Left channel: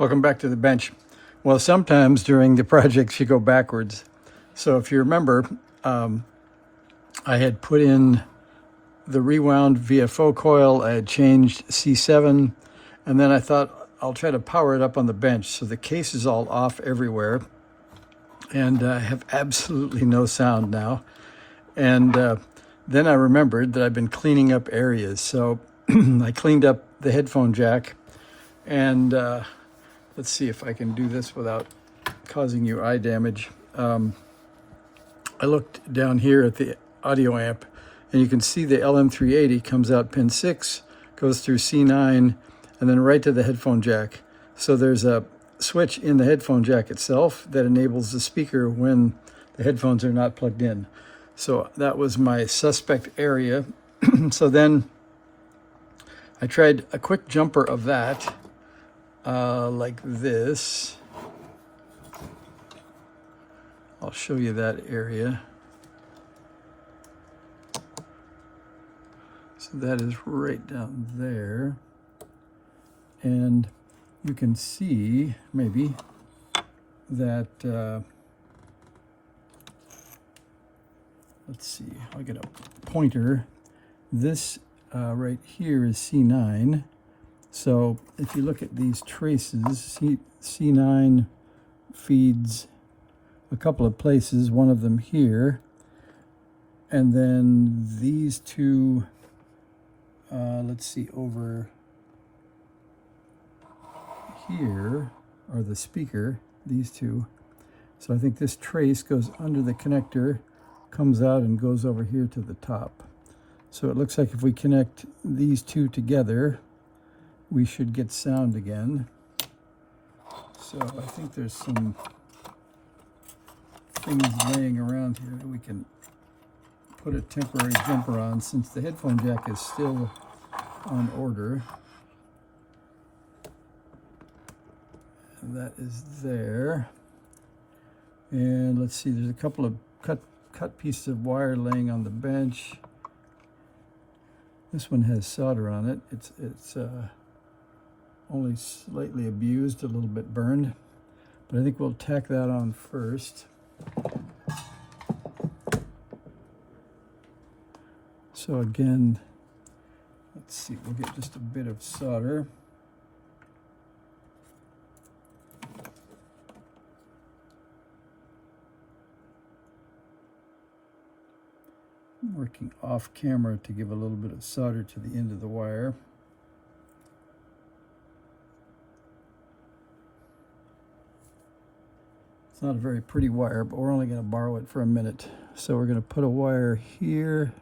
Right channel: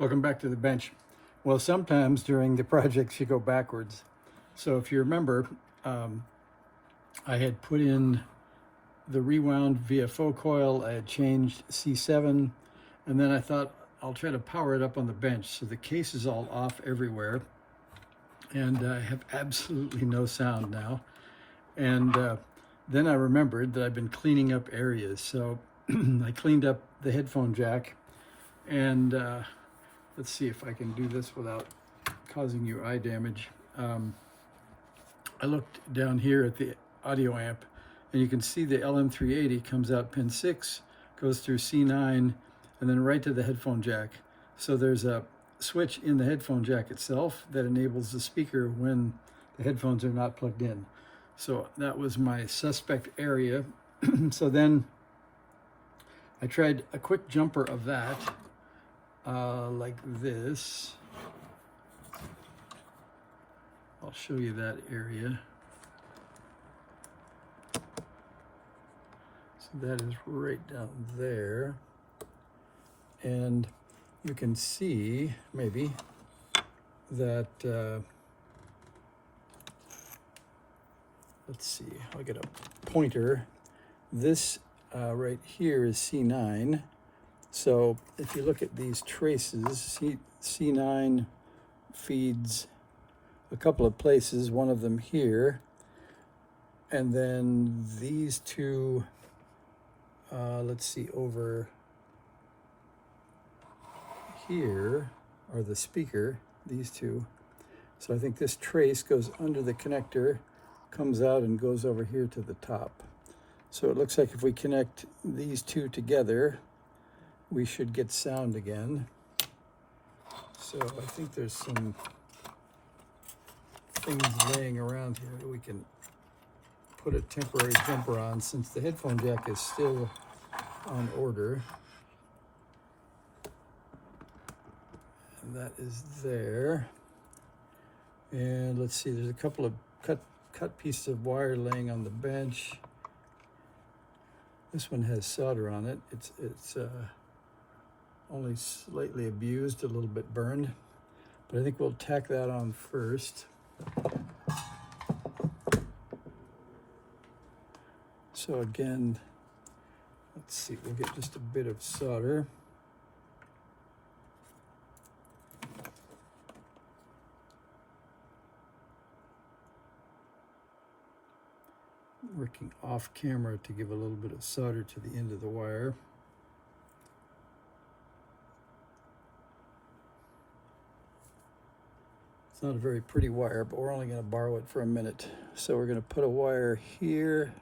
Welcome back to the bench. Well, sometimes during the projects you go backwards. So if you remember, I had put in the rewound VFO coil, I had changed C7, and then I thought I'll try to power it up on the bench. So the case is all off everywhere, and I have absolutely no sound now. And then I remembered that I've been cleaning up areas. So I cleaned up the headphone jack, and let's see if I can do this without causing you eye damage. I looked down here at the audio amp, and you can see the LM380 comes out pin 6, goes through C9, and then right to the headphone jack. So there's a switch in the headphone jack itself that enables the speaker when the headphones are not plugged in. So that was my suspect area. So then I tried a quick jumper of that, like this. I'll show you that area. So that is right down there. And you can see, maybe, that, let's see, I'll get a pointer. This right here is C9. So if you look at these traces, C9 feeds a couple of places, one of them here, and then these two, let's see, over here are the speaker, these two. So I think this trace goes under the connector, comes out and goes over here to the top. So it looks like if we connect these two together, we should get sound again. So I think there's some things laying around here that we can put a temporary jumper on, since the headphone jack is still on order. And that is there. And let's see, there's a couple of cut pieces of wire laying on the bench. This one has solder on it. It's only slightly abused, a little bit burned, but I think we'll tack that on first. So again, let's see, we'll get just a bit of solder. I'm working off camera to give a little bit of solder to the end of the wire. It's not a very pretty wire, but we're only going to borrow it for a minute. So we're going to put a wire here.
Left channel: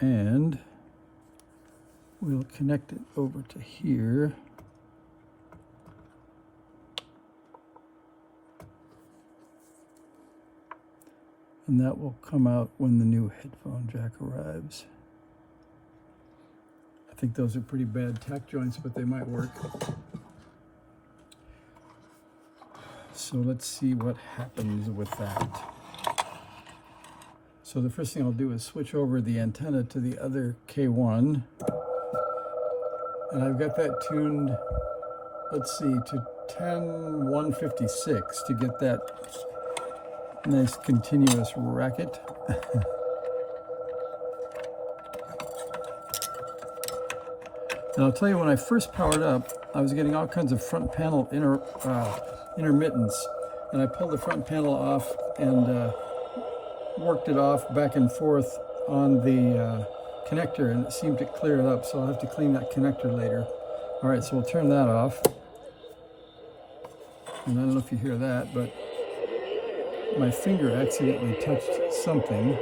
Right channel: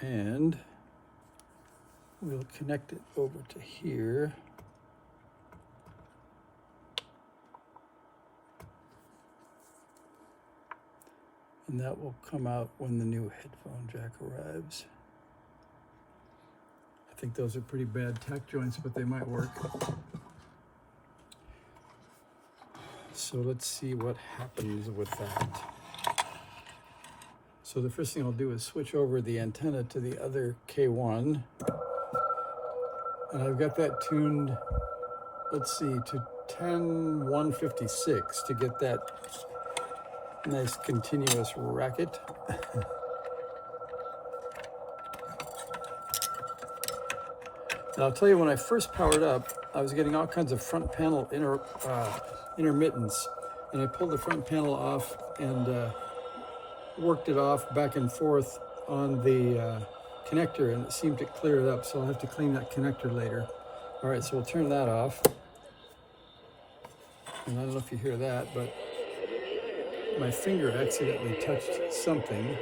And we'll connect it over to here. And that will come out when the new headphone jack arrives. I think those are pretty bad tack joints, but they might work. So let's see what happens with that. So the first thing I'll do is switch over the antenna to the other K1. And I've got that tuned, let's see, to 10-156 to get that nice continuous racket. And I'll tell you, when I first powered up, I was getting all kinds of front panel intermittence, and I pulled the front panel off and worked it off back and forth on the connector, and it seemed to clear it up, so I'll have to clean that connector later. All right, so we'll turn that off. And I don't know if you hear that, but my finger accidentally touched something.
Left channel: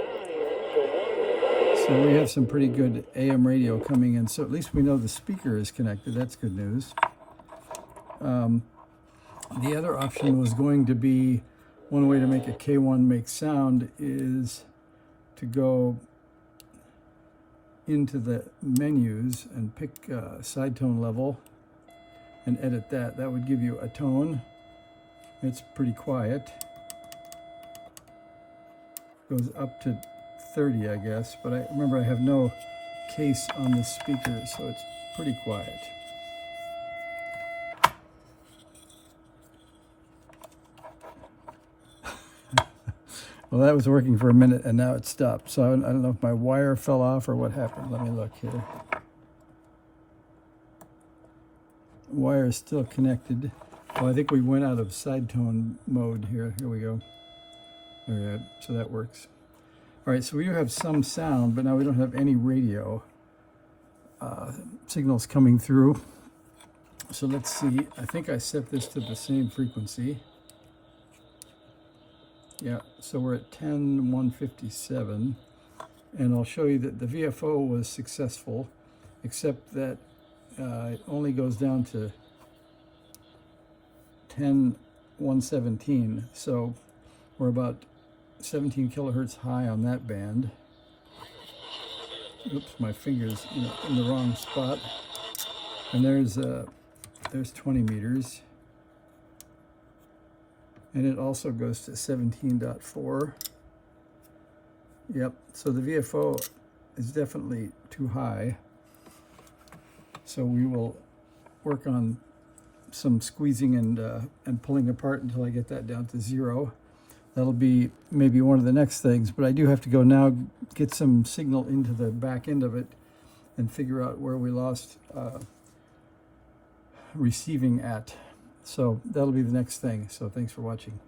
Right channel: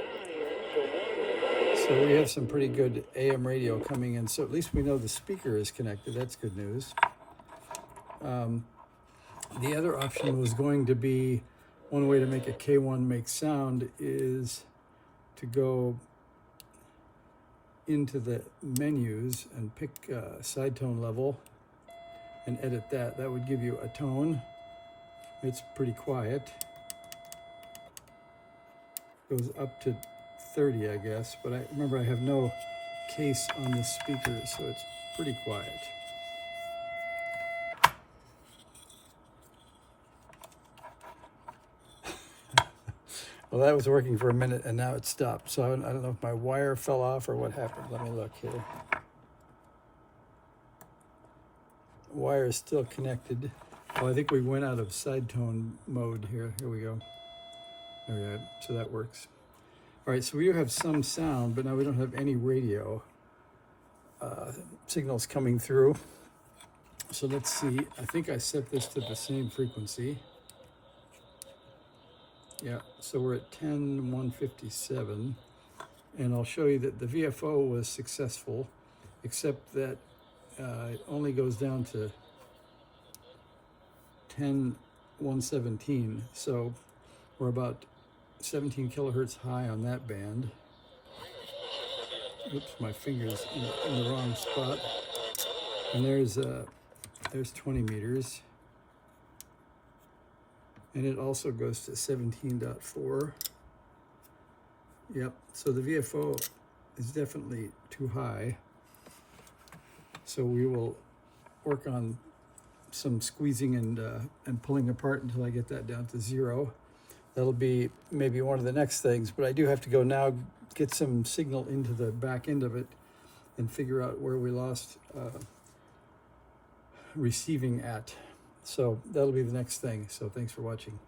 So we have some pretty good AM radio coming in, so at least we know the speaker is connected. That's good news. The other option was going to be, one way to make a K1 make sound is to go into the menus and pick side tone level and edit that. That would give you a tone. It's pretty quiet. Goes up to 30, I guess, but I remember I have no case on the speaker, so it's pretty quiet. Well, that was working for a minute, and now it stopped. So I don't know if my wire fell off or what happened. Let me look here. Wire is still connected. Well, I think we went out of side tone mode here. Here we go. All right, so that works. All right, so we do have some sound, but now we don't have any radio signals coming through. So let's see. I think I set this to the same frequency. Yeah, so we're at 10,157, and I'll show you that the VFO was successful, except that it only goes down to 10,117, so we're about 17 kilohertz high on that band. Oops, my finger's in the wrong spot. And there's 20 meters. And it also goes to 17.4. Yep, so the VFO is definitely too high. So we will work on some squeezing and pulling apart until I get that down to 0. That'll be maybe one of the next things, but I do have to go now get some signal into the back end of it and figure out where we lost receiving at. So that'll be the next thing. So thanks for watching.